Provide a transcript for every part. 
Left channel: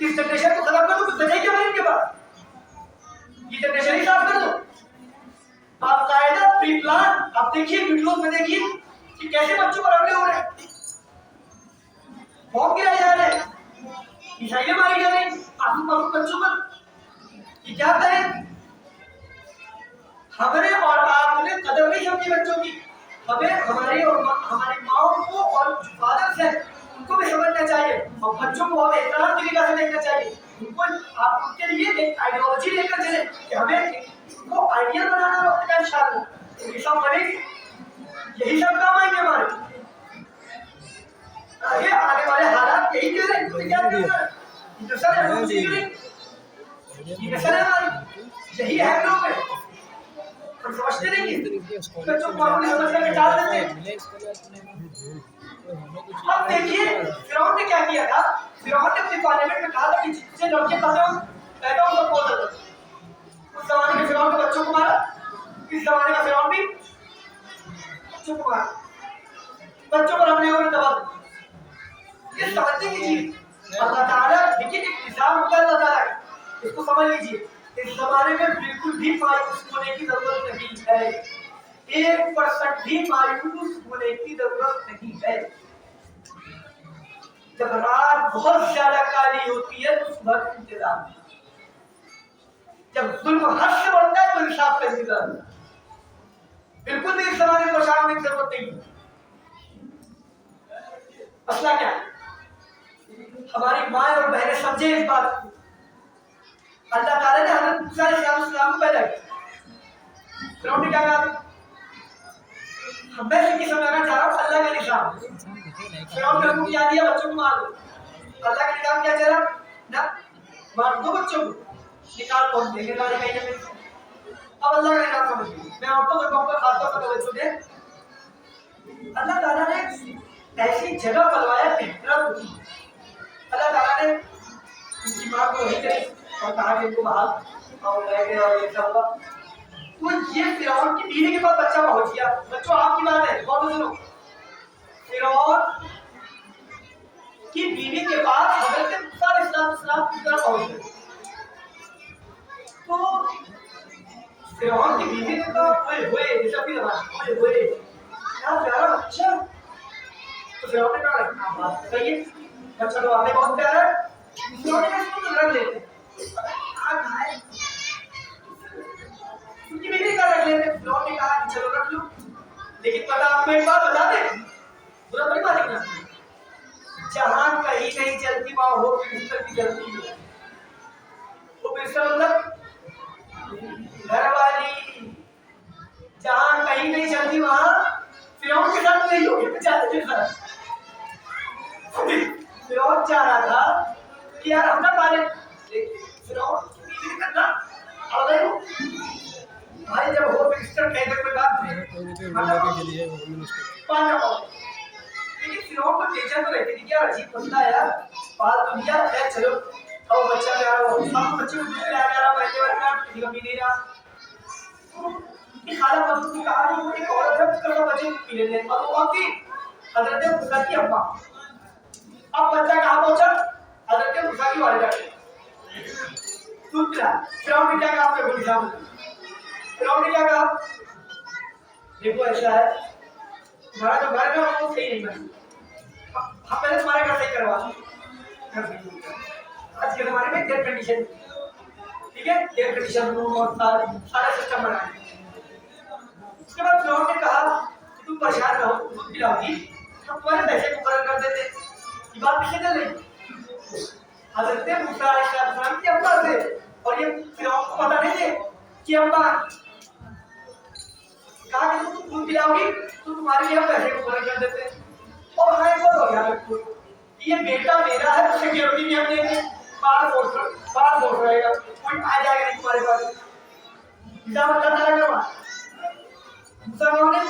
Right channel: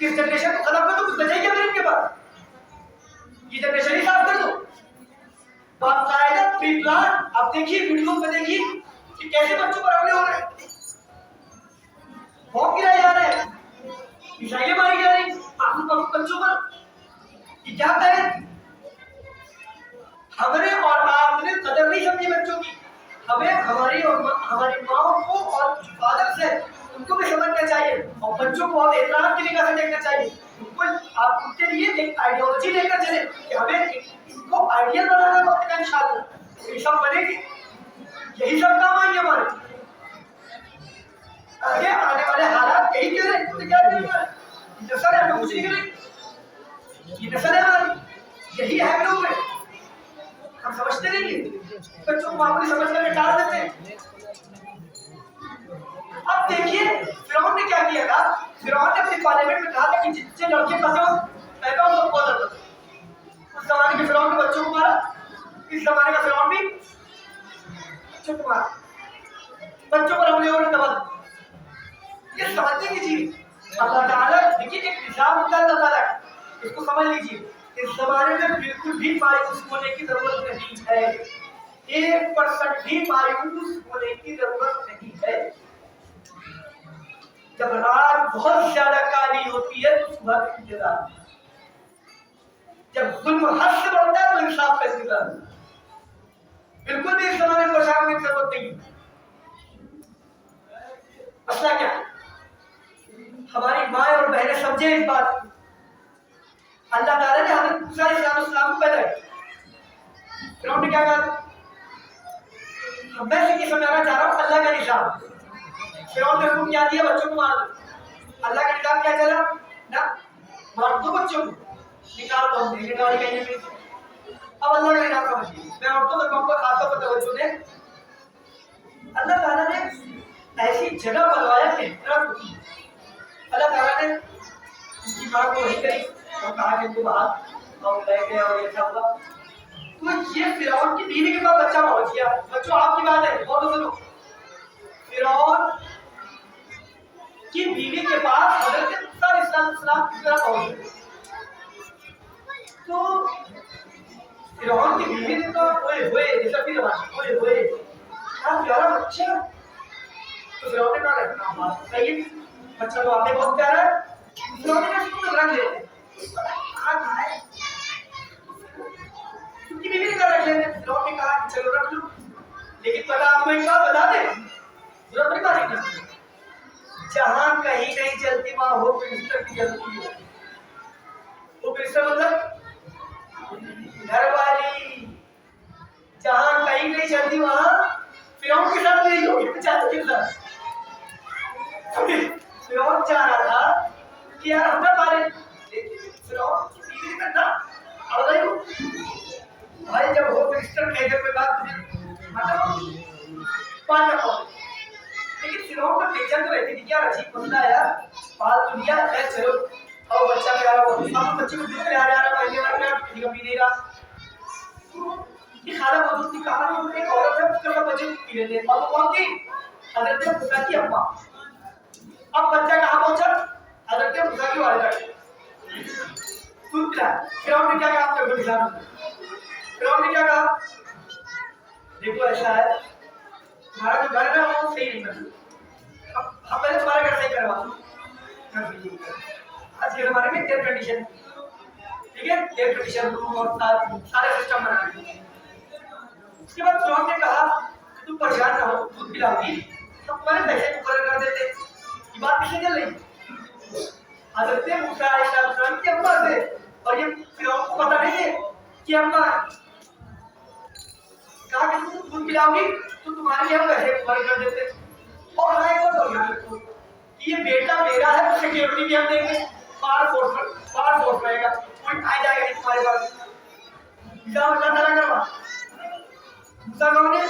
اس generation کو ختم کر دو، کچھ بچے گا پھر ان کے پاس؟ یہ جنریشن ہی صاف کر دو. باقاعدہ پری پلان آپ دیکھیے ویڈیوز میں دیکھیے کہ کیسے بچوں پر حملے ہو رہے ہیں، بم گرائے جا رہے ہیں، میزائلیں ماری جا رہی آپ بچوں پر. یہ کیا کریں؟ ہمیں اور آپ نے قدر نہیں سمجھی بچوں کی. ہمیں ہماری اور ہماری ماؤں کو اور فادرز ہیں ان کو بھی سمجھنا چاہیے اور بچوں کو اور احترام کی نگاہ سے دیکھنا چاہیے. ان کو آپ ان کے لیے ایک آئیڈیالوجی لے کر چلیں کہ ہمیں ان کو آئیڈیل بنانا وقت کا انشاءاللہ. یہ سب بنے گی، یہی سب کام آئیں گے ہمارے آگے آنے والے حالات. یہی کہہ رہے ہیں کیا کرنا ہے؟ یہ نسل ہے ہم اسی کے لیے، یہ نسل ہے ہماری، یہی ہے لوگ ہیں. ہم سمجھتے نہیں ہیں بچوں کو معمولی سمجھ کر ڈال دیتے ہیں. اب دیکھیے فرعون نے کیا کیا تھا. فرعون نے اپنی پارلیمنٹ میں کہا تھا کہ جتنے لڑکے پیدا ہو سب بہت زیادہ. اس زمانے کے فرعون نے بچوں کو مارا، اس زمانے کا فرعون بھی بچوں کو مارا، بچوں پر حملے ہونے دبا. یہ سمجھنے کی چیز اللہ تعالیٰ دیکھیے ایک نظام ہوتا ہے اللہ تعالیٰ کا، اس کو سمجھ لیجیے. اس زمانے میں بالکل بھی مایوس ہونے کی ضرورت نہیں ہے، 1% بھی مایوس ہونے کی ضرورت نہیں ہے. جب رات بہت زیادہ کالی ہوتی ہے تو صبح کا انتظار، جب ظلم حد سے بڑھتا ہے تو انصاف کا انتظار. بالکل بھی اس زمانے کو شام کی ضرورت نہیں. مسئلہ کیا ہے؟ ہماری ماں اور بہنیں سمجھے اس بات کو. اللہ تعالیٰ نے حضرت موسیٰ علیہ السلام کو پیدا کیا. فرعون نے کیا کہا؟ میں یہ سمجھانا چاہ رہا ہوں اللہ کا نظام. فرعون نے حکم کیا دیا بچوں کو مار دو. اللہ کا نظام کیا چلا؟ نہ مار دو بچوں کو، نکال دو نکال کہیں پہ. اب اللہ کا نظام سمجھ لیجیے. میں عورتوں سے کہوں گا خاص طور پر توجہ دیں. اللہ تعالیٰ نے ایسی جگہ بنوایا کہ حکمت ہوتی ہے. اللہ تعالیٰ نے ان کی ماں کو وہی کری اور کہا کہ ان کو باہر اور لے گئے اور یہ سب. تو یہ فرعون کی بیوی کے پاس بچہ پہنچ گیا. بچوں آپ کی بات ہے بہت سنو. فرعون کی بیوی کے پاس حضرت موسیٰ علیہ السلام کی طرح پہنچ گئے. تو فرعون کی بیوی نے کہا اوئے ہوئے، جیسا بھی زبان اوئے ہوئے کیا پیارا بچہ. تو فرعون نے کہا رکھنا بات صحیح ہے، بچہ تو آپ نے بہت پیارا ہے. فرعون نے اس کو رکھ لیتے ان کی بیوی کا رکھ لیتے. فرعون نے کہا کہ چلو رکھ لو، لیکن پتا آپ کو ایک بات بتا دیں، برا بڑی بات ہے، جہاں کہیں نہیں چلتی وہاں ہو پرسٹر کی جلتی ہے. وہ پرسٹر مطلب گھر والی. جہاں کہیں نہیں چلتی وہاں فرعون کے ساتھ نہیں ہوگی چاہتے کے ساتھ. فرعون چاہ رہا تھا کہ یار ہم نہ پالے، فرعون کی بیوی کرنا اور بھائی جب وہ پرسٹر کہہ کر کے بات پالنا پڑا. لیکن فرعون کا ٹینشن تو رہتی تھی کہ یار عجیب مسئلہ ہے یار، پال تو لیا ہے چلو اور بچہ پیارا ہوا. ہم بچے کو دودھ پلا رہا پہلے بار میں کسی کا پی نہیں رہا. کہ خالہ موجود تھی، کہا کہ ایک عورت ہے اس کا بچے کو پی لیتے ہیں اور وہ کون تھی؟ حضرت موسیٰ کی اماں. اب بچہ کہاں پہنچا؟ حضرت موسیٰ کی والدہ کے دودھ پلا. فرعون نے کیا کہا؟ آپ کے نظام فرعون نے کیا کہا؟ دیکھو ایسا ہے تمہارا جو گھر ہے وہ صحیح نہیں بنا، ہم پہلے تمہارا گھر صحیح کروا دیں. آج کے زمانے میں ایئر کنڈیشن، ٹھیک ہے، ایئر کنڈیشن روم اور سارے سسٹم بنا دیں. اس کے بعد فرعون نے کہا کہ تم پریشان نہ ہو، دودھ پلاؤ گی ہم تمہارے پیسے مقرر کر دیتے. یہ بات کس سے چل رہی؟ حضرت موسیٰ علیہ السلام کی اماں سے. اور یہ فرعون کو پتہ نہیں ہے کہ اماں کہا کہ تم دودھ پلاؤ گی تو تمہارے لیے ہم پیسے مقرر کر دیتے. اور ہاں ایک اور یاد رکھو یہ بیٹا میرا ہے تو سیکیورٹی بھی ہم دیں گے، باہر فورس رہے گا، کوئی آ جائے گا نہیں تمہارے پاس. نظام اللہ تعالیٰ کروا موسیٰ کون ہے؟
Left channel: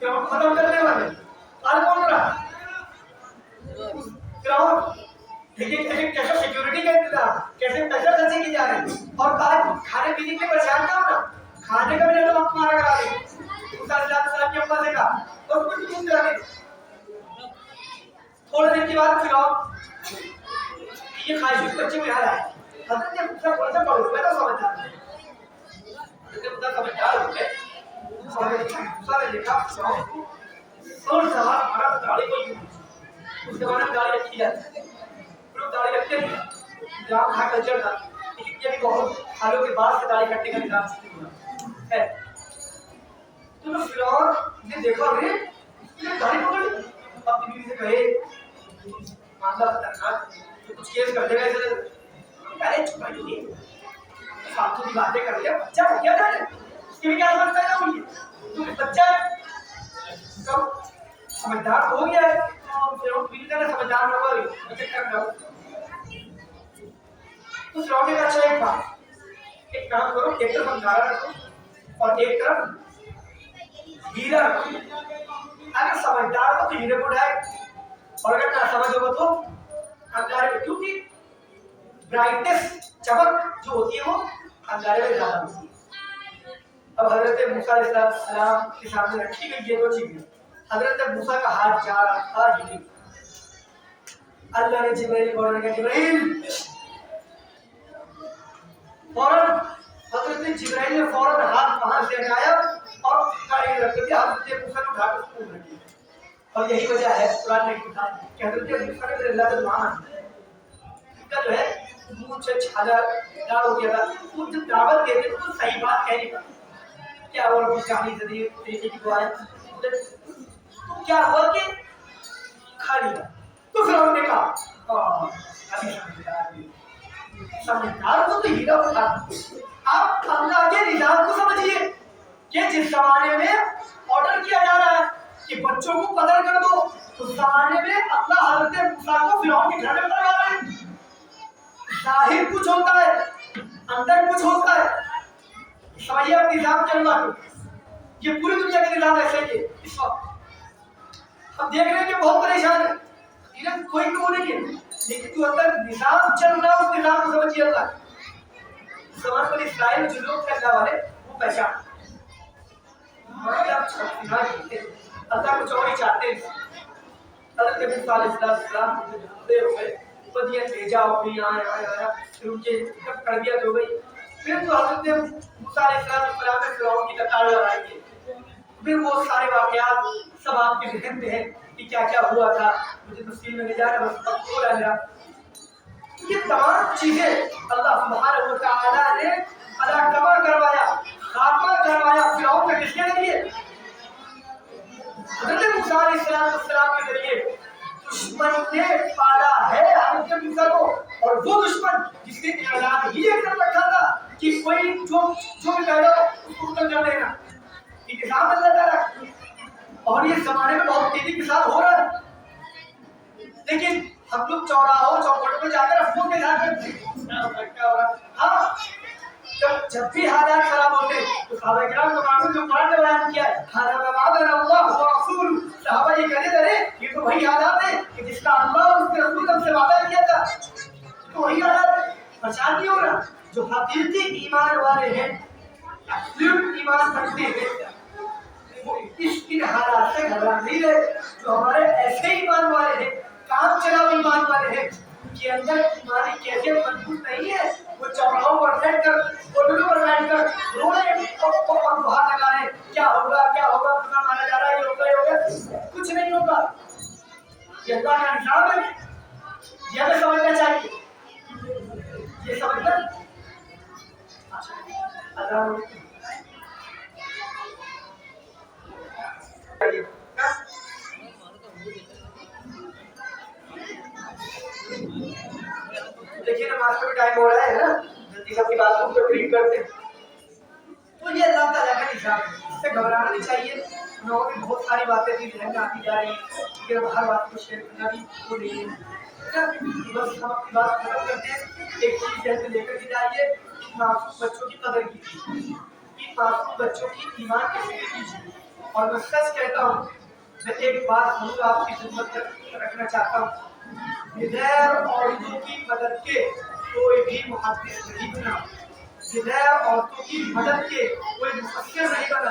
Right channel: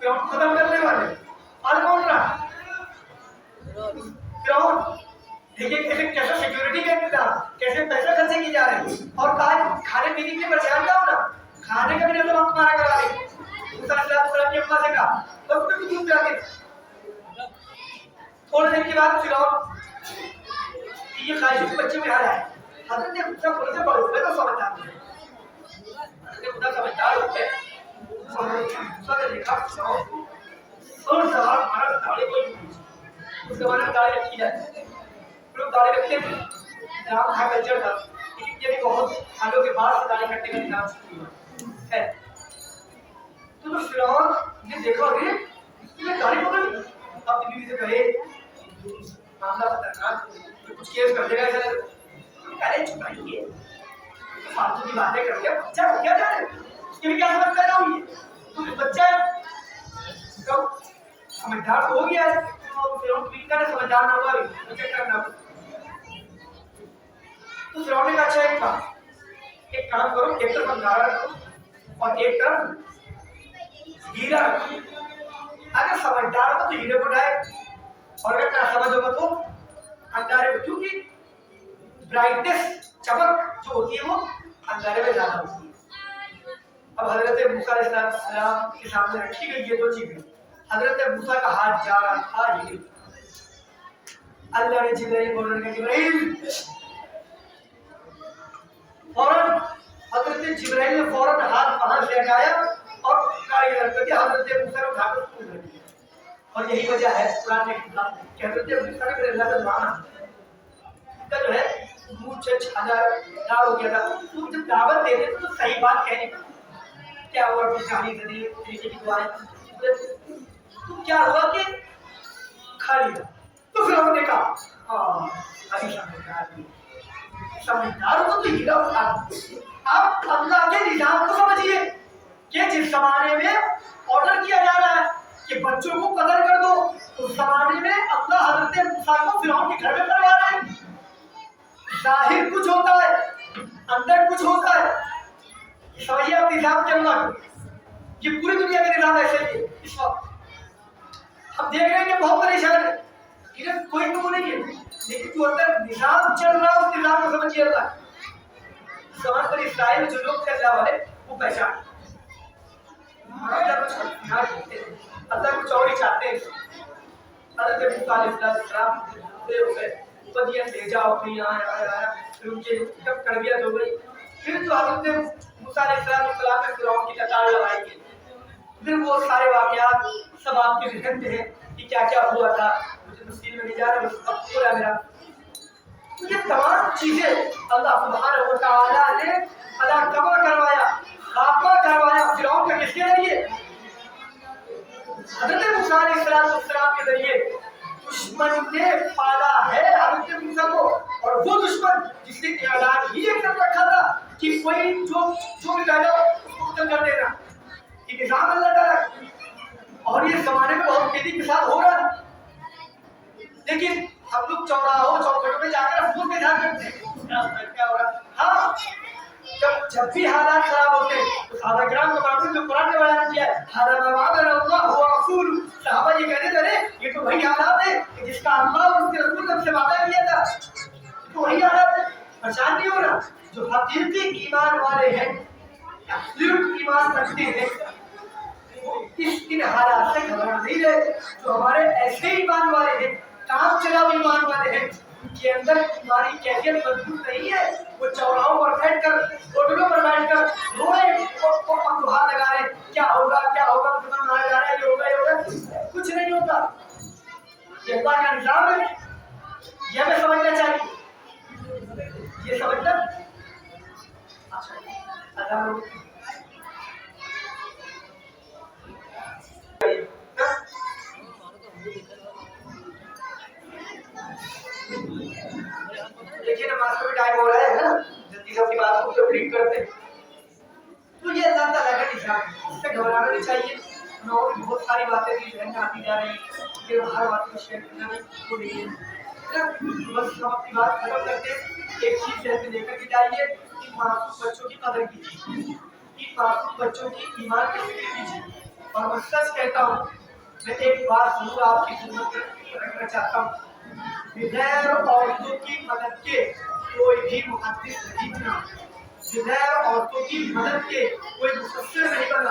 فرعون ختم کرنے والے. آج کون رہا؟ فرعون. دیکھیں کیسا سیکیورٹی کا انتظام، کیسے پیسے خرچے کیے جا رہے ہیں. اور کھانے پینے کے پریشان نہ ہونا، کھانے کا بھی نہیں تو ہم تمہارا کرا دیں گے. موسیٰ علیہ السلام کی اماں سے کہا اور تمہیں بھی دودھ پلا دیں. تھوڑے دن کے بعد فرعون یہ خواہش کے بچے میں آ رہا ہے. حضرت موسیٰ تھوڑا سا بڑے تو سمجھدار ہے. حضرت موسیٰ سمجھدار ہوتے موسیٰ نے دیکھا فرعون کو اور سوال ہمارا داڑھی کو اس زمانے میں داڑھی رکھی جاتی ہے. لوگ داڑھی رکھتے تھے. نظام تھا کلچر تھا. لیکن یہ بھی بہت سالوں کے بعد سے داڑھی کٹنے کا نظام شروع ہوا ہے. تو فرعون نے دیکھا ارے اس نے داڑھی پکڑ لی. اپنی بیوی سے کہے معاملہ خطرناک ہے کچھ کیس کر دے گا ایسا لگا. ارے چھپائیے فالتو کی باتیں کر لیا. بچہ ہو کیا جانے اس کے بھی کیا سمجھ پیدا ہوئی ہے. تو بچہ ہے کب سمجھدار تو ہو گیا ہے. اور فرعون کی بیوی نے سمجھدار نہ ہوا بھی چکر نہ ہوا. تو فرعون نے کہا اچھا ایک بات ایک کام کرو ایک طرف انگارہ رکھو اور ایک طرف ہیرا رکھو. اگر سمجھدار ہو تو ہیرے کو اٹھائے اور اگر نہ سمجھ ہوگا تو انگارے کو. کیونکہ برائٹنس چمک جو ہوتی ہے وہ انگارے میں زیادہ ہوتی ہے. اب حضرت موسیٰ علیہ السلام کے سامنے رکھی گئی یہ دو چیزیں. حضرت موسیٰ کا ہاتھ جا رہا تھا ہیرے. اللہ نے جبرائیل کو آرڈر کیا جبرائیل فوراً. حضرت جبرائیل نے فوراً ہاتھ وہاں سے ہٹایا اور کاریگر کر دیا. حضرت موسیٰ نے اٹھا کر اس کو رکھ دیا. اور یہی وجہ ہے قرآن نے کہا کہ حضرت موسیٰ نے اللہ کا دعا مانگا جو ہے منہ سے چھالا دار ہو گیا تھا. وہ جب دعوت دیتے تو صحیح بات کہنے کا کیا ہوا رب اشرح صدری طریقے کی دعائیں تو کیا ہوا کہ کھا لیا. تو پھر انہوں نے کہا ابھی سمجھدار ہو تو ہیرا اٹھا. آپ اللہ کے نظام کو سمجھیے کہ جس زمانے میں آرڈر کیا جا رہا ہے کہ بچوں کو قتل کر دو اس زمانے میں اللہ حضرت موسیٰ کو فرعون کے گھر میں کروا رہے ہیں. ظاہر کچھ ہوتا ہے اندر کچھ ہوتا ہے. سمجھیے آپ نظام چل رہا ہے. یہ پوری دنیا کا نظام ایسے ہی ہے. اس وقت ہم دیکھ رہے ہیں کہ بہت پریشان ہے. کوئی تو نہیں ہے لیکن جو اندر نظام چل رہا ہے اس نظام کو سمجھیے. اللہ سمجھ کر اسرائیل جو لوگ تھے اللہ والے وہ پہچان اللہ کچھ اور ہی چاہتے ہیں. حضرت موسیٰ علیہ السلام بے ہو گئے بدیاں بھیجا اپنی آیا پھر ان کے جب تربیت ہو گئی. پھر تو حضرت موسیٰ علیہ السلام نے فرعون کی لتاڑ لگائی ہے. پھر وہ سارے واقعات سب آپ کے ذہن میں ہیں کہ کیا کیا ہوا تھا. مجھے تفصیل میں نہیں جا رہا بس اب بولا میرا. یہ تمام چیزیں اللہ سبحانہ و تعالیٰ نے علاقہ کروایا خاتمہ کروایا فرعون کا کس کے ذریعے حضرت موسیٰ علیہ السلام کے ذریعے. دشمن نے پالا ہے حضرت موسیٰ کو اور وہ دشمن جس نے اعلان ہی کر رکھا تھا کہ کوئی جو بھی پیدا ہو اس کو قتل کر دینا. یہ نظام اللہ تعالیٰ اور یہ زمانے میں بہت تیزی کے ساتھ ہو رہا ہے. لیکن ہم لوگ چوراہوں چوکھٹوں میں جا کر افسوس کے ساتھ کرتے ہیں کیا ہو رہا. ہاں جب بھی حالات خراب ہوتے تو صحابہ کرام کو معلوم جو قرآن نے بیان کیا ہے حالات وعدنا اللہ و رسول. صحابہ یہ کہتے تھے یہ تو وہی حالات ہے کہ جس کا اللہ اور اس کے رسول نے ہم سے وعدہ کیا تھا. تو وہی حالات ہے. پریشان نہیں ہو رہا. جو حقیقی ایمان والے ہیں ایبسلیوٹ ایمان رکھتے ہیں اس ان حالات سے گھبرا نہیں رہے. جو ہمارے ایسے ایمان والے ہیں کام چلاؤ ایمان والے ہیں کے اندر ہماری کیفیت مضبوط نہیں ہے وہ چوراہوں پر بیٹھ کر ہوٹلوں پر بیٹھ کر رو رہے اور دعا لگا رہے کیا ہوگا تمہیں مارا جا رہا ہے یہ ہوگا. کچھ نہیں ہوگا. یہ اللہ کا نظام ہے. یہ ہمیں سمجھنا چاہیے. یہ سمجھنا اللہ دیکھیے نماز کا بھی ٹائم ہو رہا ہے نا جلدی سے اپنی بات کو کمپلیٹ کرتے ہیں. تو یہ اللہ تعالیٰ کا نظام اس سے گھبرانا نہیں چاہیے. اور بھی بہت ساری باتیں بھی ذہن میں آتی جا رہی ہیں کہ ہر بات کو شیئر کرنا بھی وہ نہیں ہے. بس ہم اپنی بات ختم کرتے ہیں. ایک چیز ذہن میں لے کر کے جائیے معصوم بچوں کی قدر کیجیے. معصوم بچوں کی ایمان کی فکر کیجیے. اور میں سچ کہتا ہوں میں ایک بات ضرور آپ کی خدمت رکھنا چاہتا ہوں. بغیر عورتوں کی مدد کے کوئی بھی محدث نہیں بنا. بغیر عورتوں کی مدد کے کوئی مفسر نہیں بنا.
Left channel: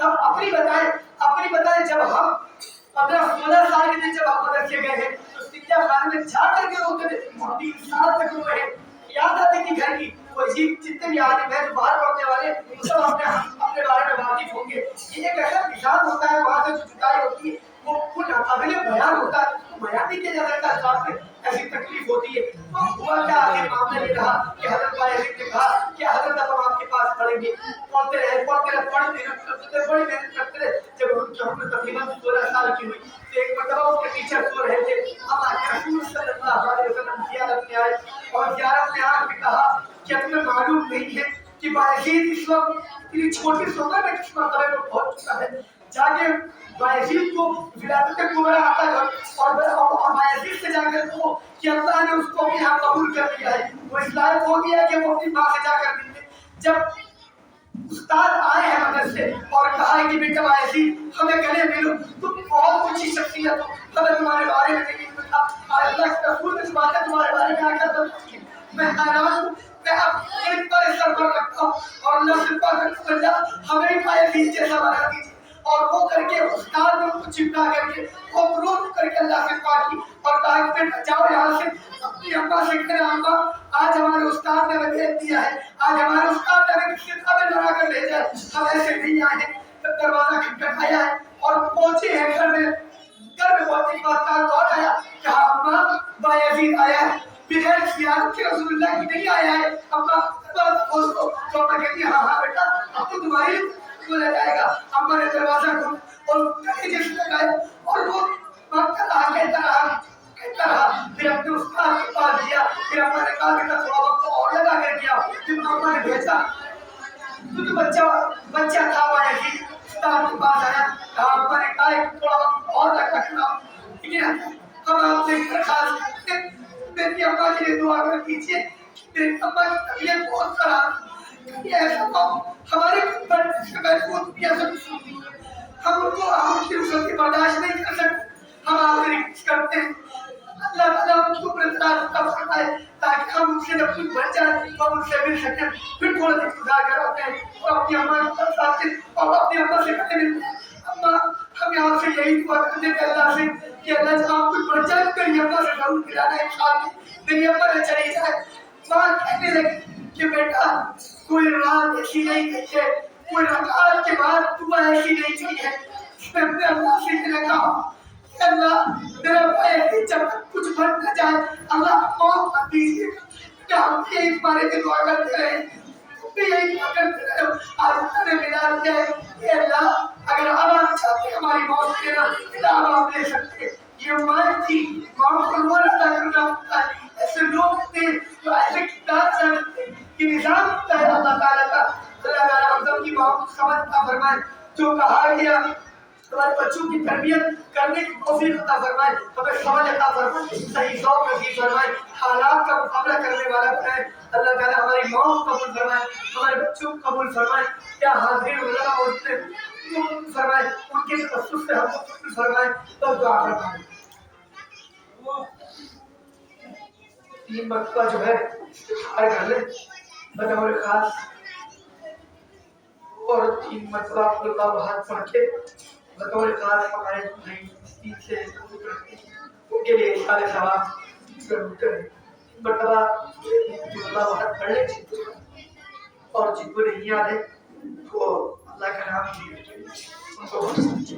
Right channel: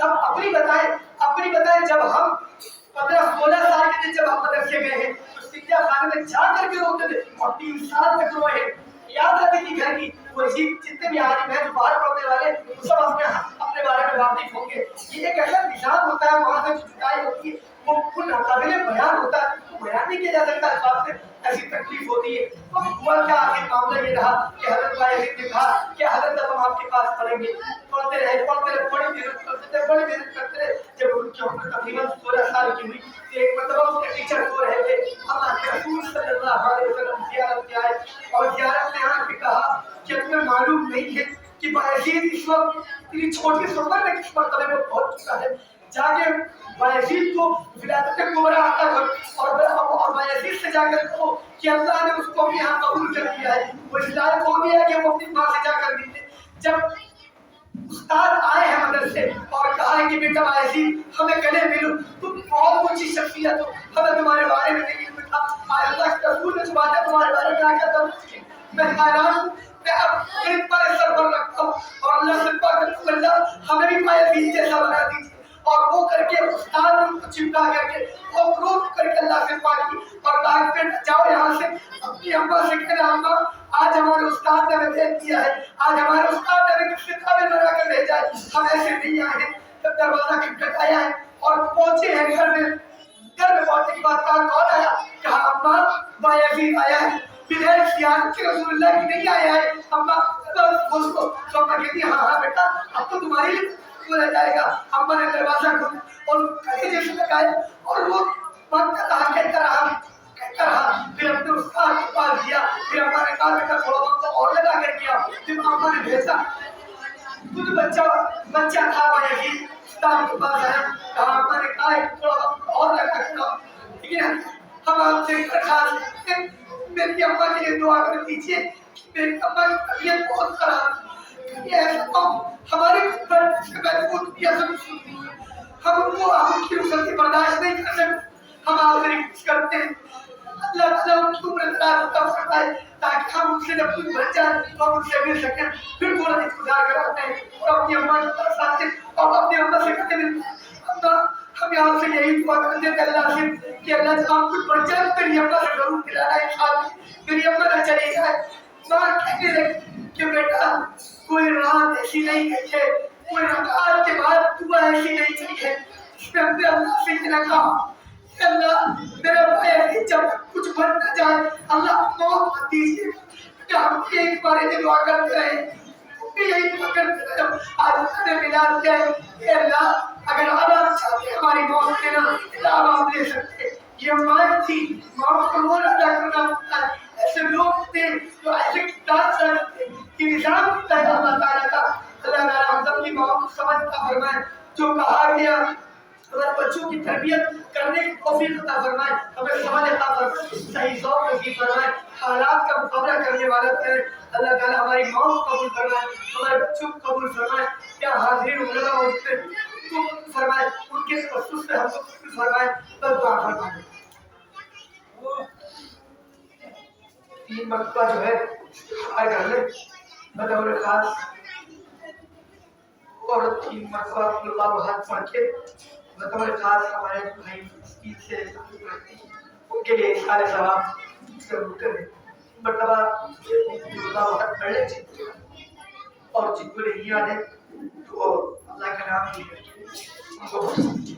اب اپنی بتائیں جب ہم 15-16 سال کے جب ہم مدرسے گئے ہیں تو سکھیا خانے میں جا کر کے روتے تھے اور 3 سال تک روئے ہیں. یاد آتی تھی گھر کی وہ عجیب جتنے بھی عالم ہیں جو باہر پڑھنے والے سب اپنے بارے میں واقف ہوں گے. یہ ایک ایسا نظام ہوتا ہے وہاں سے جو جدائی ہوتی ہے وہ ناقابل بیان ہوتا ہے, وہ بیان نہیں کیا جا سکتا. خاص سے ایسی تکلیف ہوتی ہے. تو ہوا کیا آخر معاملہ یہ رہا کہ حضرت باعزید نے کہا کہ حضرت اب ہم آپ کے پاس پڑھیں گے. پڑھتے رہے بڑی محنت کرتے رہے. جب ان کی عمر تقریباً 16 سال کی ہوئی تو ایک مرتبہ اس کے ٹیچر سو رہے تھے. اللہ کے رسول صلی اللہ علیہ وسلم زیارت میں آئے اور زیارت میں آ کے کہا کہ تمہیں معلوم نہیں ہے کہ باعزید اس وقت اتنی چھوٹی سی عمر میں کس مرتبے پر پہنچ چکا ہے. جا کے باعزید کو ولادت کبریٰ عطا کر اور باعزید سے جا کر کہو کہ اللہ نے اس کو اپنے یہاں قبول کر لیا ہے, وہ اس لائق ہو گیا ہے کہ وہ اپنی ماں سے جا کر ملے. جب استاد آئے ہیں مدرسے اور کہا ہے کہ بیٹا باعزید ہمیں گلے ملو, تم بہت اونچی شخصیت ہو, ہمیں تمہارے بارے میں نہیں پتا. اللہ کے رسول نے باتیں تمہارے بارے میں آ کر بتائی, میں حیران ہوں. میں اب ایک بار سر پر رکھتا ہوں اور اللہ سے پاک کرتا ہوں اللہ ہمیں بھی باعزید جیسا بنا دیجیے. اور وہ کر کے استاد نے ان کو چپکا کر کے اور رو کر کے اللہ سے پاک کی اور کہا کہ بیٹا جاؤ یہاں سے اپنی اماں سے کہنا اماں آج ہمارے استاد نے ہمیں بھیج دیا ہے, آج ہمارے استاد نے ہمیں کس کتابیں بنا کر بھیجا ہے, ہم ایسے نہیں آئے ہیں. جب دروازہ کھٹکھٹایا ہے اور پہنچے ہیں گھر میں پہنچنے کے بعد کون آیا؟ کہا اماں باعزید آیا ہے بغیر زیارت کے رسول اللہ کی نہیں آیا ہے. اماں بس کھول دو. تو اماں کہتی ہے ہاں بیٹا اب تو تمہاری کھولا جائے گا. اماں نے دروازہ کھولا اور کہے جیسے لگایا اور وہ مانگتا رہا کہتا رہا پھر اپنے استاد کے پاس گیا. پھر اماں نے کہا بیٹا تھوڑا وقت اور لگا کر کیا. پھر اماں نے بھیجا تو بچہ تھا باعزید استاد کے پاس آیا. اماں نے کہا تھوڑا وقت اور لگا کر لیکن ہم آپ سے درخواست کرتے ہیں میری اماں کے لیے دعا کر دیجیے کہ میری اماں کی طبیعت بہت خراب ہے. یہ ایسا کام ہمارے خدمت سے محفوظ کیا سب ہم ان کو ہم کی رسل برداشت نہیں کر سکتے. ہم آپ سے ریکویسٹ کرتے ہیں اللہ تعالیٰ ہم کی عمر دراز عطا فرمائے تاکہ ہم ان سے جب کچھ بن جائیں تو ہم ان سے مل سکیں. پھر تھوڑا دن گزار کر آتے ہیں اور اپنی اماں کی طرف آتے ہیں اور اپنی اماں سے کہتے ہیں اماں ہم یہاں سے یہی دعا کرتے ہیں اللہ سے کہ اللہ جب ہم کچھ بن جائے میری اماں سے ضرور کھلانا ہے کھانا. میری اماں نہ چلی جائے. ماں کہنے لگی کہ بیٹا کوئی رات ایسی نہیں گئی ہے, کوئی رکعت کے بعد دعا ایسی نہیں کی ہے جس میں ہم نے اللہ سے اتنا کہا کہ اللہ میرا بھائی جب کچھ بن نہ جائے اللہ موت مت دیجیے. کہ ہم یہی تمہارے لیے دعا کرتے رہے, یہی دعا کرتے رہے. آج اللہ نے ملا دیا ہے کہ اللہ اگر آپ چاہتے ہماری موت دینا تو آپ لے سکتے. یہ ماں تھی, ماں کو رونا ادا کرنا ہوتا ہے. ایسے لوگ تھے جو ایسے کتاب سمجھتے کہ نظام ہوتا ہے اللہ تعالیٰ کا. اللہ تعالیٰ ہم سب کی ماں کو سمجھ عطا فرمائے. جو کہا گیا ہمارے بچوں کی تربیت کرنے کی توفیق عطا فرمائے, ہمیں سمجھ عطا فرمائے, صحیح ذوق نصیب فرمائے, حالات کا مقابلہ کرنے والا بنائے. اللہ تعالیٰ ہماری ماں کو قبول فرمائے, ہمارے بچوں کو قبول فرمائے. کیا حاضرین علماء ہوتے ہیں ان کو قبول فرمائے, ان کے تخصص سے ہم کو قبول فرمائے. بس دعا فرمائے. 3 مرتبہ جو ہے استغفار کر لیں بطور خاص اور 3 مرتبہ اللہ حد پڑھ کے بطور خاص ہمارے بھائی عید سے ان کے لیے اشارے ثواب ضرور کریں. 3 مرتبہ اللہ حد پڑھ لیں اور جن کو نہیں یاد ہے وہ اللہ کا نام لے ان کو بہت سمجھے.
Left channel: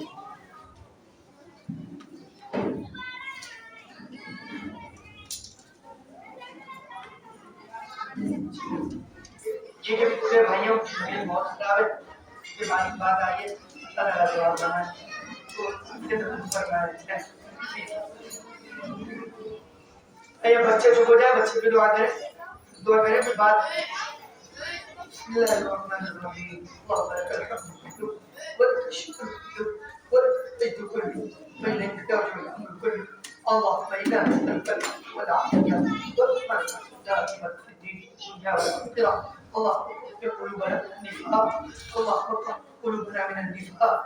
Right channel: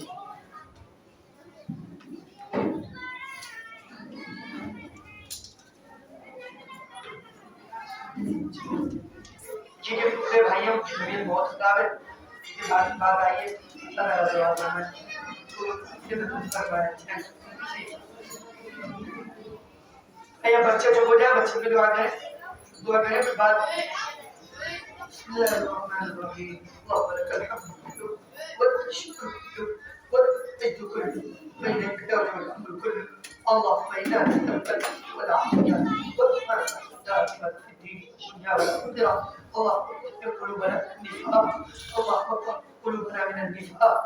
یہ کہ پورے بھائیوں کی طبیعت بہت خراب ہے. اس کے بعد بات آئی ہے اللہ تعالیٰ دعا فرمائے تو اس کے درد فرمائے. یا بچے جو ہو جائے بچے کی دعا کریں پھر بعد بسم اللہ الرحمن الرحیم اللهم لك الحمد ولك الشكر والمجد كله بينك والحمد كله اللهم انا نسالك والعافيه والرحمه دائما في الدين والدنيا والاخره. اللهم اغفر قلوبنا من النفاق, اللهم اغفر قلوبنا من النفاق,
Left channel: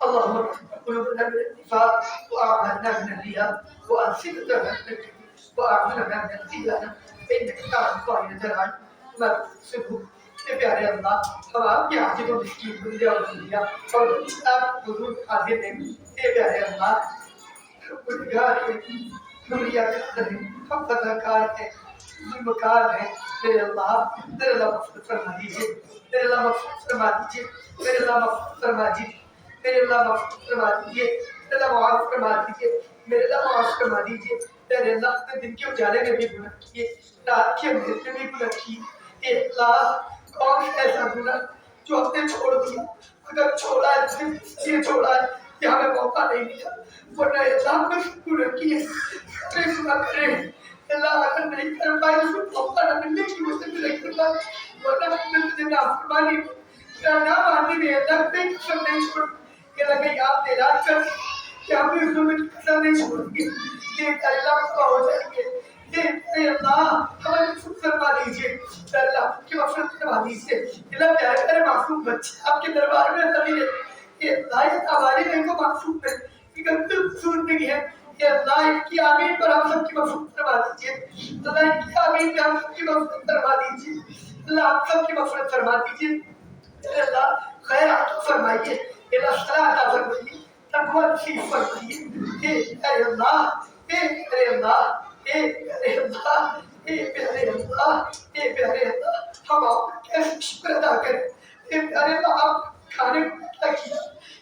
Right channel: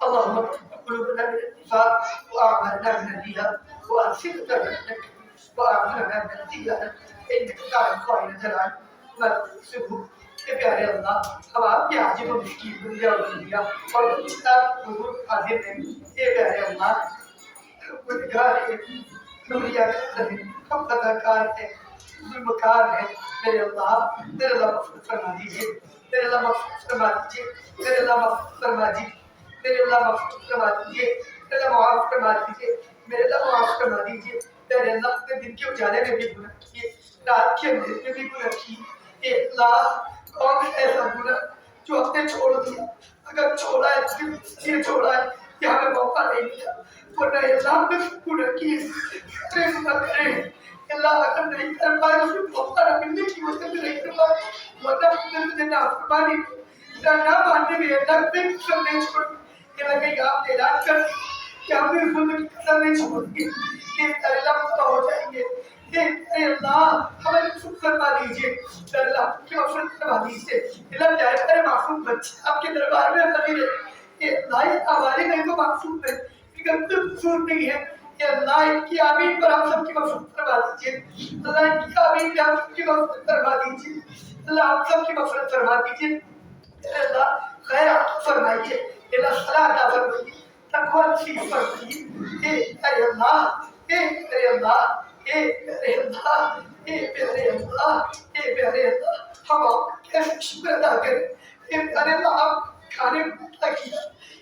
اللهم اغفر قلوبنا من النفاق واعمالنا من الرياء والفتنه منك واعمالنا من الديانه انك تعلم خائنة العين ما تكسبه کہ پیارے اللہ ہم آپ کے حاجت و مسکین بندے اور بندیاں اور بچے آپ حضور حاضر ہیں کہ پیارے اللہ گنہگار ہے نوریہ کار ہے ہم خطاکار ہیں ظلمکار ہیں میرے اللہ مغفرت فرما دیجیے میرے اللہ مغفرت فرما دیجیے میرے اللہ مغفرت فرما دیجیے میرے اللہ مغفرت فرما دیجیے میرے اللہ معاف فرما دیجیے میرے اللہ معاف فرما دیجیے میرے اللہ نے دن کے اجالے میں بھی گناہ کیے رات کے اندھیرے میں بھی گناہ کیے اے اللہ کون ایسا گناہ جو ہم نے چھوڑ دیا اگر چھوڑا ہے تو اس لیے چھوڑا ہے کہ ہمیں موقع نہیں دیا ورنہ اللہ ہم نے گناہ کیے کرے گناہ کرے اللہ اگر نہیں کر پائے تو پھر موقع نہ ملنے کی وجہ سے نہیں کر پائے ورنہ ہم نے تجھے نافرمانی نہ ماننے میں اللہ پہ قسم نہیں چھوڑ کہ لگے آپ نے اعلان کر کہ ہم نے ظلم کی قسم نہیں چھوڑ گے یہ پیارے اللہ مصطفیٰ ہو جائیں گے یہ پیارے اللہ ہمیں مغفرت فرما دیجیے پیارے اللہ کی مغفرت فرما دیجیے اللہ پیارے پیارے معصوم بچے آپ کے دربار میں حاضر ہیں یہ اللہ یہ ہماری نہیں تو معصوم ہے یہ کوئی قصور نہیں ہے کہ اللہ ان کی آمین پر آپ سب کی مغفرت فرما دیجیے اللہ ان کی آمین پر آپ سب کی مغفرت فرما دیجیے اللہ آپ سب کی مغفرت فرما دیجیے اللہ خیر عطا فرمائیے اللہ صلاح عطا فرمائیے تقوی نصیب فرمائیے اے اللہ اے پیارے اللہ اے پیارے اللہ اے پیارے اللہ اے پیارے اللہ ہم آپ کا کیسے شکر ادا کریں اے پیارے اللہ آپ کھانے کو عطا کیا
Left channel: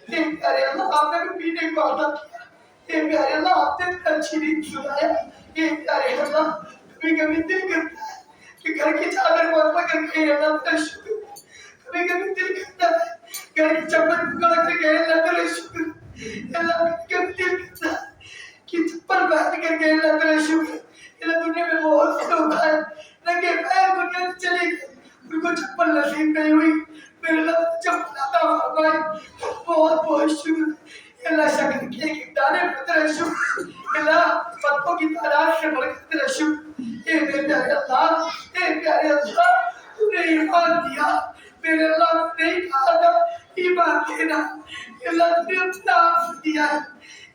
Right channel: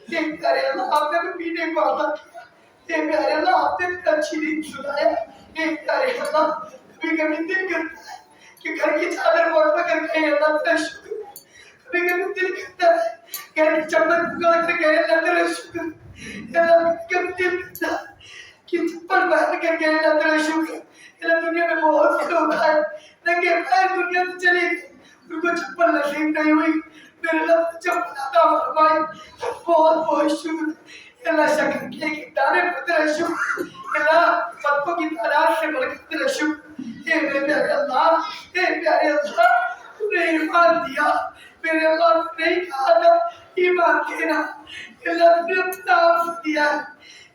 اے پیارے اللہ آپ نے پینے کو عطا کیا اے پیارے اللہ آپ نے اچھی نیند سنایا اے پیارے اللہ کبھی کبھی دل کرتا ہے کہ گھر کی چادر کو اٹھا کر کہیں اللہ کا شکر کبھی کبھی دل کرتا ہے گھر کی چپل پکڑ کر کہیں اللہ کا شکر اللہ کبھی دل کرتا ہے کہ چپل پہن کر کہیں اللہ کا شکر اللہ دنیا میں بہت سے لوگ آئے ننگے پیر دنیا سے چلے گئے ان کو چپل نصیب نہیں ہوئی میرے رب چپل عطا فرمائے بہت بہت شکر اللہ شکر کے ایک دانے پر تیرا شکر اللہ پتوں کی تعداد سے بڑھ کر تیرا شکر اے میرے پیارے اللہ اے پیارے اللہ تو نے ایمان دیا میرے اللہ نے نہیں کہا تھا ایمان دینا اللہ نے اپنا آپ سے دیا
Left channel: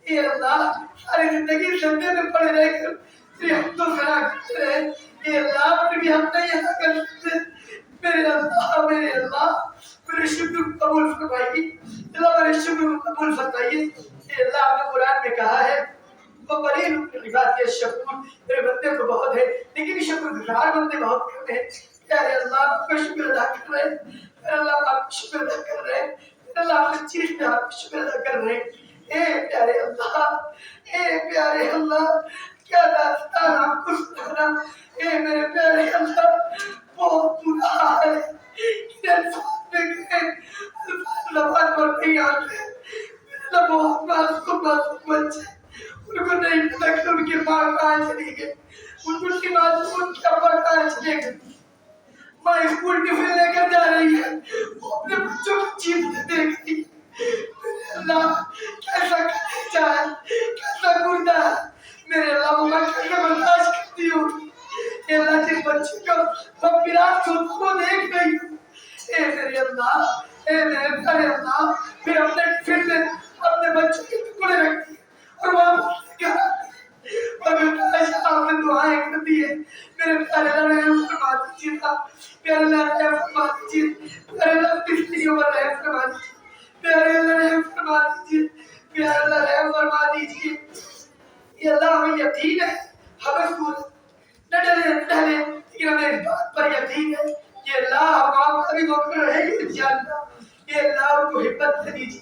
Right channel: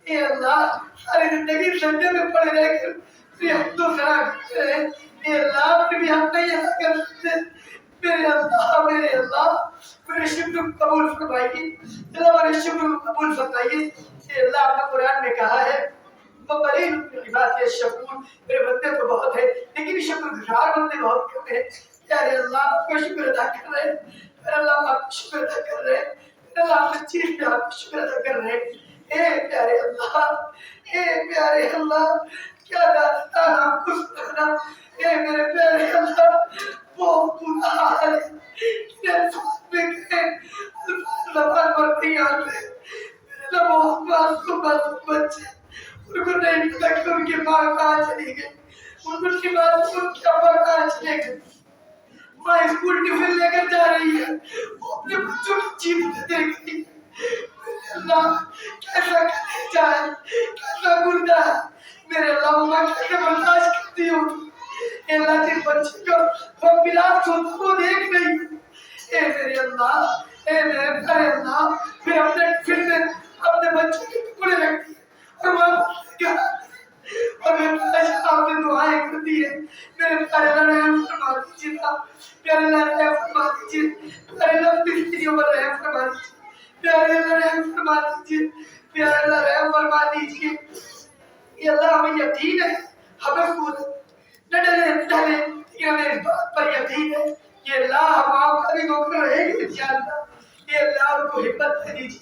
اے اللہ ساری زندگی سجدے میں پڑے رہ کر تیرے حمد و ثنا کرتے رہے اے اللہ آپ نے بھی ہم نہیں ادا کر سکتے میرے اللہ میرے شکر قبول فرمائیے اللہ میرے شکر قبول فرمائیے اے اللہ آپ نے قرآن میں کہا ہے وہ قلیل من عبادی الشکور میرے بندے تو بہت ہے لیکن شکر گزار بندے بہت کم ہیں پیارے اللہ آپ کا شکر ادا کر رہے ہیں میرے اللہ آپ کا شکر ادا کر رہے ہیں میرے اللہ آپ کی چیز پہ آپ کا شکر ادا کر رہے ہیں اے پیارے اللہ کیا داستان آپ کو سنانا اے میرے پیارے اللہ بہت برا حال ہے کہ الفاظ میں کہیں الفاظ زبان پر نہیں آتے میرے اللہ بہت معصوم بچے ان کو نہیں پتا کہ ان کی ماں کہاں چلی گئی ان کو کی ماں ان کے ابا کہاں چلے گئے ماں اسکول ٹفن لے کر جا رہی ہے وہ اپنے بچوں کی چیز دے گئی میرے اللہ کیسا کلیجہ ہے کیسا گردہ ہے میرے اللہ وہ میں کیسے برداشت کرتی ہوں اے اللہ جن بچے کو وہ ملاپ ہوتا وہ دیکھ رہی ہوں اے میرے اللہ اے میرے پیارے اللہ پھر اپنے ٹفن میں اپنے بچوں کے ٹکڑے رکھتی اور واپس کیا اور میں کاش آپ نے دعائیں کر دی ہے میرے پیارے اللہ رحم فرما دیجیے پیارے اللہ رحم فرما دیجیے پیارے اللہ بستریوں پر رحم فرما دیجیے پیارے اللہ رحم فرما دیجیے پیارے اللہ رحم فرما دیجیے یہ اللہ ہمیں یقین ہے ہمیں صورت نہ ڈلے لیکن ہمیں اس بات پر یقین ہے کہ اللہ ہم آپ کا بھی دھوکہ رہے گی انشاءاللہ یہ اللہ آپ کو ہمت دے دیجیے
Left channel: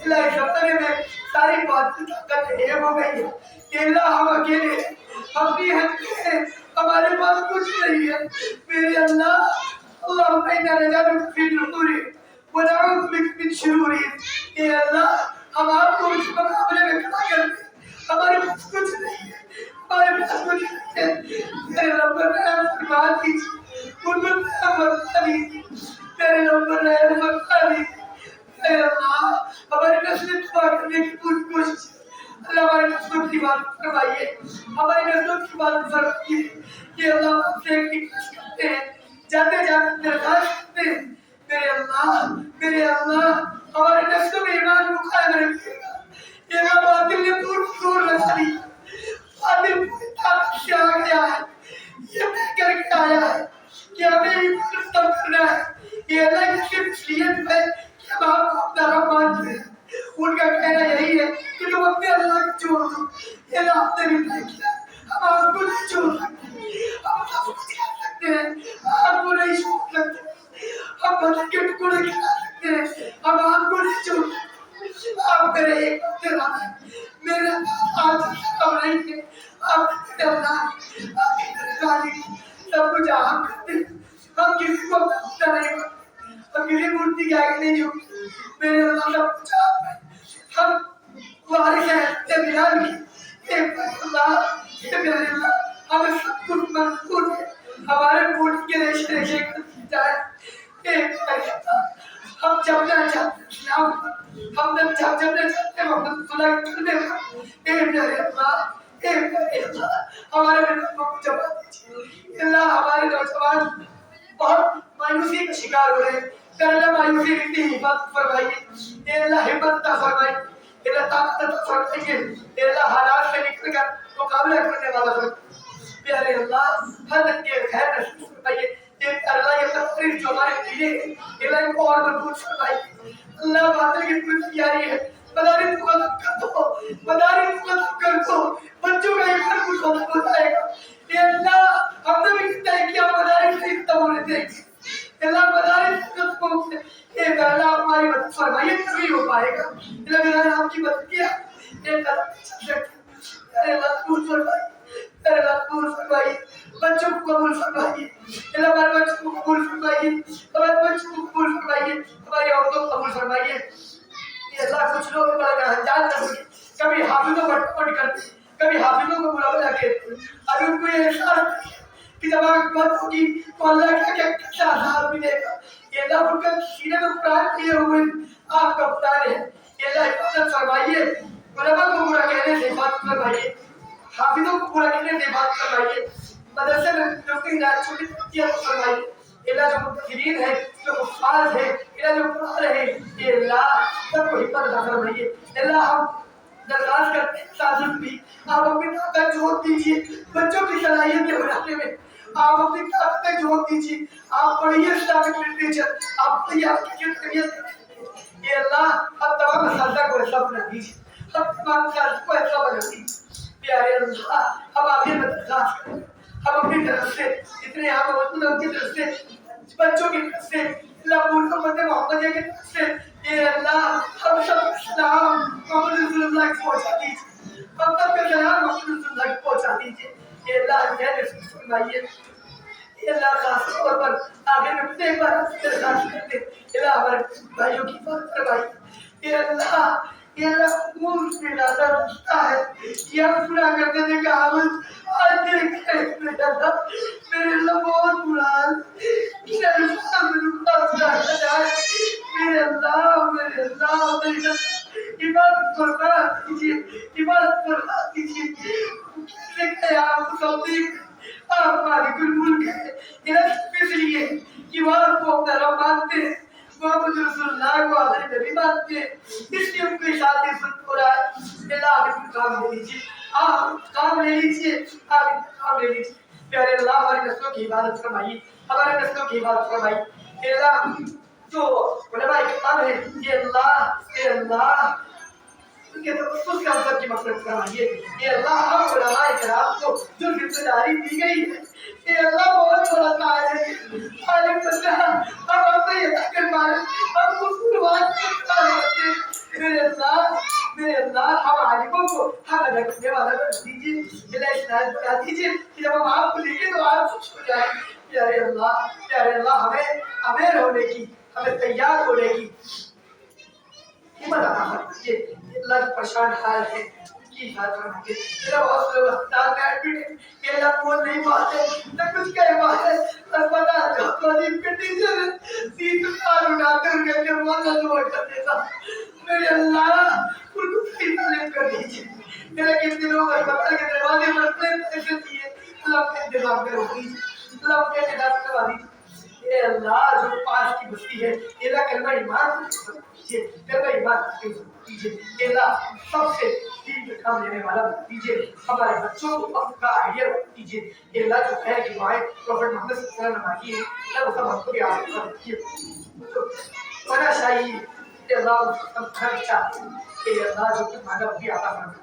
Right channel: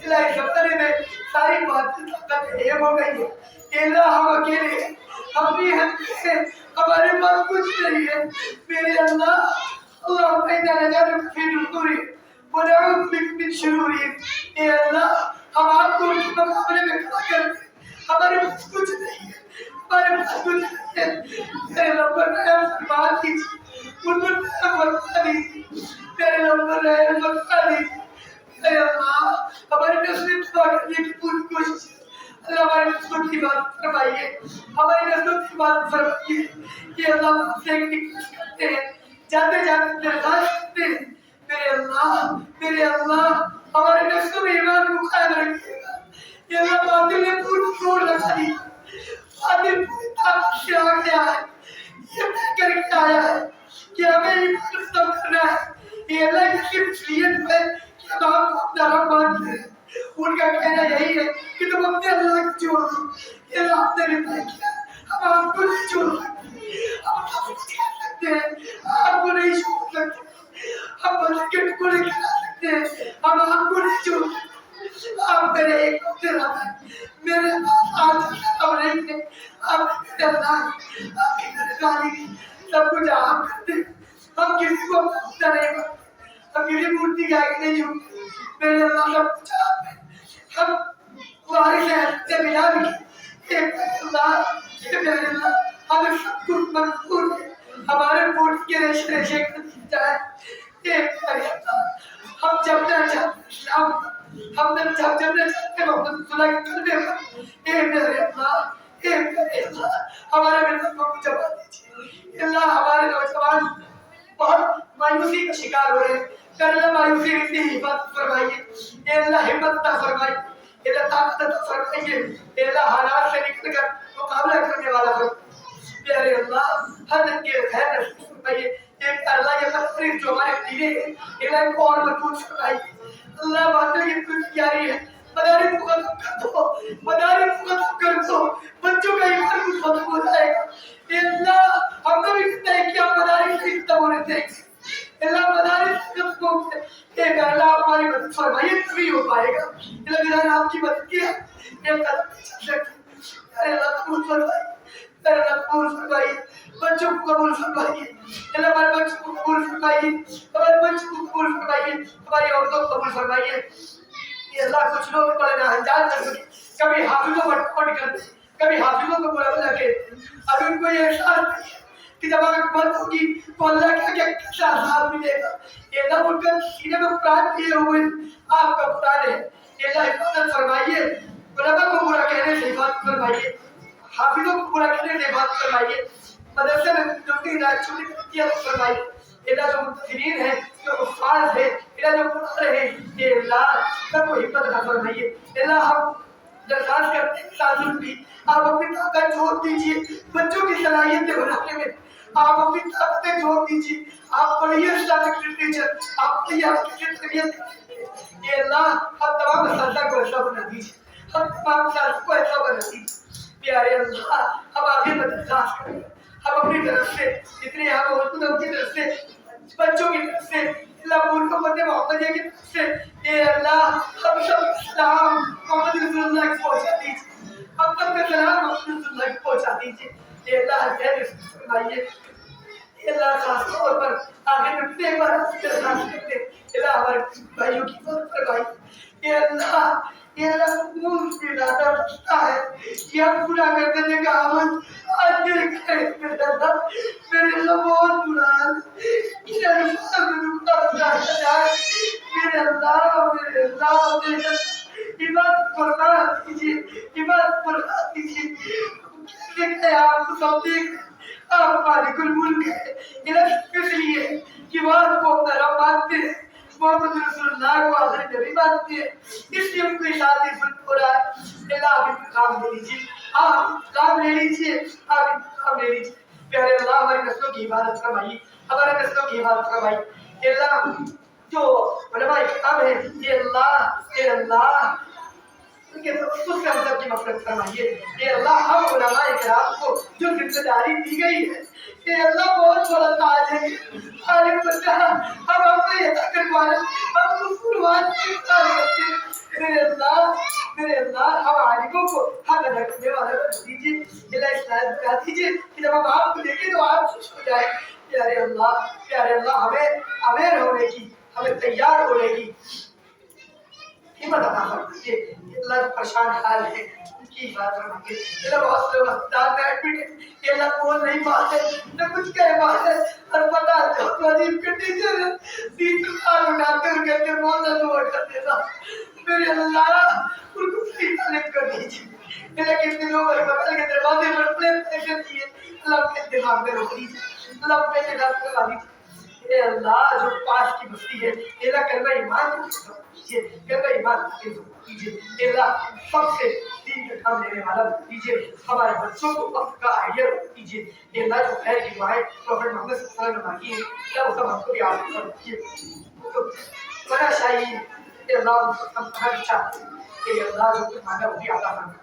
اللہ اس زمانے میں ساری باتیں طاقت ایک ہو گئی ہے کہ اللہ ہم اکیلے ہیں ہم بھی ہیں ہمارے پاس کچھ نہیں ہے میرے اللہ اللہم انا نجعلک فی نحورہم ونعوذ بک من شرورہم اے اللہ ہم آپ کو ان کے مقابلے میں کھڑا کرتے ہیں ہمارے پاس کچھ نہیں ہے ہمارے پاس کچھ نہیں ہے میرے رب رحم فرما دیجیے ان پر رحم فرما دیجیے میرے رب رحم فرما دیجیے اے اللہ ہماری نسلیں تباہ کرنے کی پوری کوشش ہے اللہ ہماری نسلوں کی بات فرمائیے ہماری نسلوں کی بات فرمائیے کہ اللہ ہم آپ سے ایک ریکویسٹ کرتے ہیں جاتے جاتے درخواست کرتے ہیں میرے اللہ ہمارے نسلوں میں ایمان کو قائم رکھیے گا یہ اللہ باطل نے پوری زور لگا دی باطل پوری طاقت سے آ گیا ہے یہ طے کر کے آیا ہے کہ ہمیں ایمان ختم کرنا ہے سے رپلائی کیا ہم آپ کو نہیں چھوڑ سکتے, ہم نفرت کر سکتے ہیں, آپ کو نہیں چھوڑ سکتے, ہم بدن کے ٹکڑے کھلا سکتے ہیں, ہم آپ کو نہیں چھوڑ سکتے. آپ میرے ایک تیرا ہے, میرے پاس آج سب نہیں تھے, آپ میرے اللہ, آپ میرے خالق, سب کچھ آپ کرتے ہیں. ہم کسی کو اپنا نہیں مانتے, ہم کسی مورتی کے آگے نہیں جھکتے, میرے اللہ سب کچھ آپ ہے. ہم وارث ہیں اے بلال کی, اے اللہ, اے میرے اللہ, ہمیں سب کچھ منظور ہے, ہمارے بوٹ کے ریشے ریشے کر جائے. اے میرے اللہ, ہم جپنا چاہتے ہیں اسلام, ہم جپنا چاہتے ہیں محمد صلی اللہ علیہ وسلم. اے میرے اللہ, اے میرے اللہ, ہمارے ملتوں کو جپا دیجیے. اللہ ہمارے نوجوان بہت مایوسی کا شکار ہو رہے ہیں, اے اللہ مایوسی کی حفاظت فرمائیے, اے اللہ ہمت عطا فرمائیے, اے اللہ طاقت عطا فرمائیے, اے اللہ حالات سے نکل کر مقابلہ کرنے والا فرمائیے. اے اللہ ہر کے خیر نصیب فرمائیے. اے اللہ یہ تفریح جو ہمارے دیے ہیں, اے اللہ ان کو اور مضبوط فرمائیے. اللہ باطل کی کوئی تیاری ہے, مدارس کو ختم کر دو, مدارس کو ختم کر دو, بچوں کا ایمان کچھ ختم ہو جائے گا. اے اللہ ہم نے بھی طے کیا مدارس سے ختم ہونے دیں گے, اللہ مدارس ختم ہو گئے. اے اللہ ہماری مدد فرمائیے, تبھی ہو پائے گا. اے اللہ نے آپ کی مدد کیا, اے قدم چل سکتے. اے اللہ قبول فرمائیے, اے اللہ قبول فرمائیے, بچوں کو قبول فرمائیے, اے اللہ ہمارے بچوں کو قبول فرمائیے, ہمارے بچوں کو قبول فرمائیے, ہماری عورتوں کو قبول فرمائیے. اے اللہ کچھ لوگ بڑے ناجائز کرتے, کبھی حافظوں پر ٹوٹ کرتے, کبھی حافظوں کو برا بلا کہتے, ابھی ان کو یہ احساس نہیں ہے کہ جب آنکھ بند ہوگی تو اللہ کیا کیا کیسا عذاب ملے گا. اے اللہ ان کا سینے میں قرآن لیے ہوئے آپ کا قرآن ہے, اے اللہ حفاظت فرمائیے, علماء کو برا کہنے سے حفاظت فرمائیے, حافظوں کو برا کہنے سے حفاظت فرمائیے, مدرسے میں جو کہ چھوٹی ترقیت فرمائیے. اے اللہ جو منتظرین ہیں, جو حفاظ ہیں, اے اللہ جو پڑھا رہے ہیں, اے اللہ سب کو حفاظت عطا فرمائیے. اے اللہ ہم درخواست کرتے ہیں سازل بھی, آپ اپنی طاقت جوڑ دیجیے بچوں کی صلاحیتیں بنانے میں, آپ اپنی طاقتیں جوڑ دیجیے. آپ پڑھیے اسلامک لٹریچر, آپ پڑھیے آپ کی تربیت کریں. اے اللہ ہم تمام اساتذہ کو ایسا بنا دیجیے, ہم تمام اساتذہ کو ایسا بنا دیجیے. پیارے اللہ ہم آگے درخواست کریں, ہم اپنی طرف سے جتنے یہاں پہ موجود ہیں ان کی طرف سے, بچوں کی طرف سے, اللہ پور امت محمدیہ کی طرف سے, اے اللہ ہم سب اسلام محمد رسول اللہ کو پہنچا دیجیے, ہم سب کا سلام محمد رسول اللہ کو پہنچا دیجیے. اے اللہ خیر نصیب فرمائیے. اے اللہ خاص طور پر آخر میں پھر ایک بار آپ سے درخواست کرتے ہیں, اے اللہ ہمارے بھائیوں کی حفاظت فرمائیے. اے اللہ خون سے زیادہ رشتہ ہے کہ ہم پورا کر دینے کا عمل آج دل کرے. میرے اللہ بہت برا حال, میرے اللہ میں رکا ہوا جائے, میرے اللہ عبادت فرما دیجیے, عبادت فرما دیجیے. کیسے کہ آپ کو سب دیکھ, آپ مالک الملک ہے, اس لیے کہ وہ آپ کو اپنا رب مانتے ہیں, محمد رسول اللہ کو آخری نبی مانتے ہیں, اس لیے ان کو شادی ظلم ہو رہا ہے. اللہ آپ انتقام لے لیجیے, آپ انتقام لے لیجیے, آپ انتقام لے لیجیے. پیارے اللہ ہماری نسلوں کی حفاظت فرمائیے, ہمارے نسلوں کی حفاظت فرمائیے. اے اللہ جو علماء اکرام ہیں, اے اللہ ان کے تخصص کا سب کی مغفرت فرمائیے. اے اللہ ہم علماء کرام کو جو ذمہ داری دی گئی ہے, اے اللہ بہت بڑا تاج ہے, عالم بندہ ہم اپنے یہ کر پائے, ہم مسلمان ہوتے. میرے اللہ ہم عالموں کو ہم ادا کرنے والا بنا دیجیے. اللہ اسلام بنا دیجیے کہ جب ہم آپ کو دیکھیں تو آپ خوش ہو جائیں. پیارے اللہ ہمیں اویئر ہونے کی, ہمیں تیار ہونے کی ہمت عطا فرمائیے. اللہ جو پریشان حال ہے ان کی حفاظت فرمائیے. اللہ بہت سے لوگ اسپتال میں ایڈمٹ ہیں, کہ اللہ بول نہیں پاتے, نہ کچھ کہہ پاتے, اسپتال میں تو عجیب کنڈیشن ہے, 30 سال اٹھاتے اور کہتے ہیں بہت دعا کر دیتا. میرے اللہ ان کو صحیح تعلیم کر دیجیے. میرے کتنے لوگ اسپتال کے دروازے پر اپنے پیسے دیے, اللہ اپنے دماغ میں روک دیجیے, اللہ اپنے دماغ میں لگا دیجیے. اے اللہ جو پاس کی بستی ہے, اے اللہ کلمہ ایمان کو دیجیے, کلمہ ایمان کو دیجیے. اے اللہ سب سے دین کا کام لینے والا دیجیے, ہمارے بچوں کو وقت کا آئیڈیا دیجیے. اے اللہ جو خیر کی دعائیں پروفیٹ محمد صلی اللہ علیہ وسلم نے مانگی ہیں, اللہ وہ سب ہم کو بھی آپ کو دیجیے. بڑا شاہی اے اللہ ہم چاہتے ہیں, اے اللہ جو کچھ مانگا وہ بھی عطا فرمائے.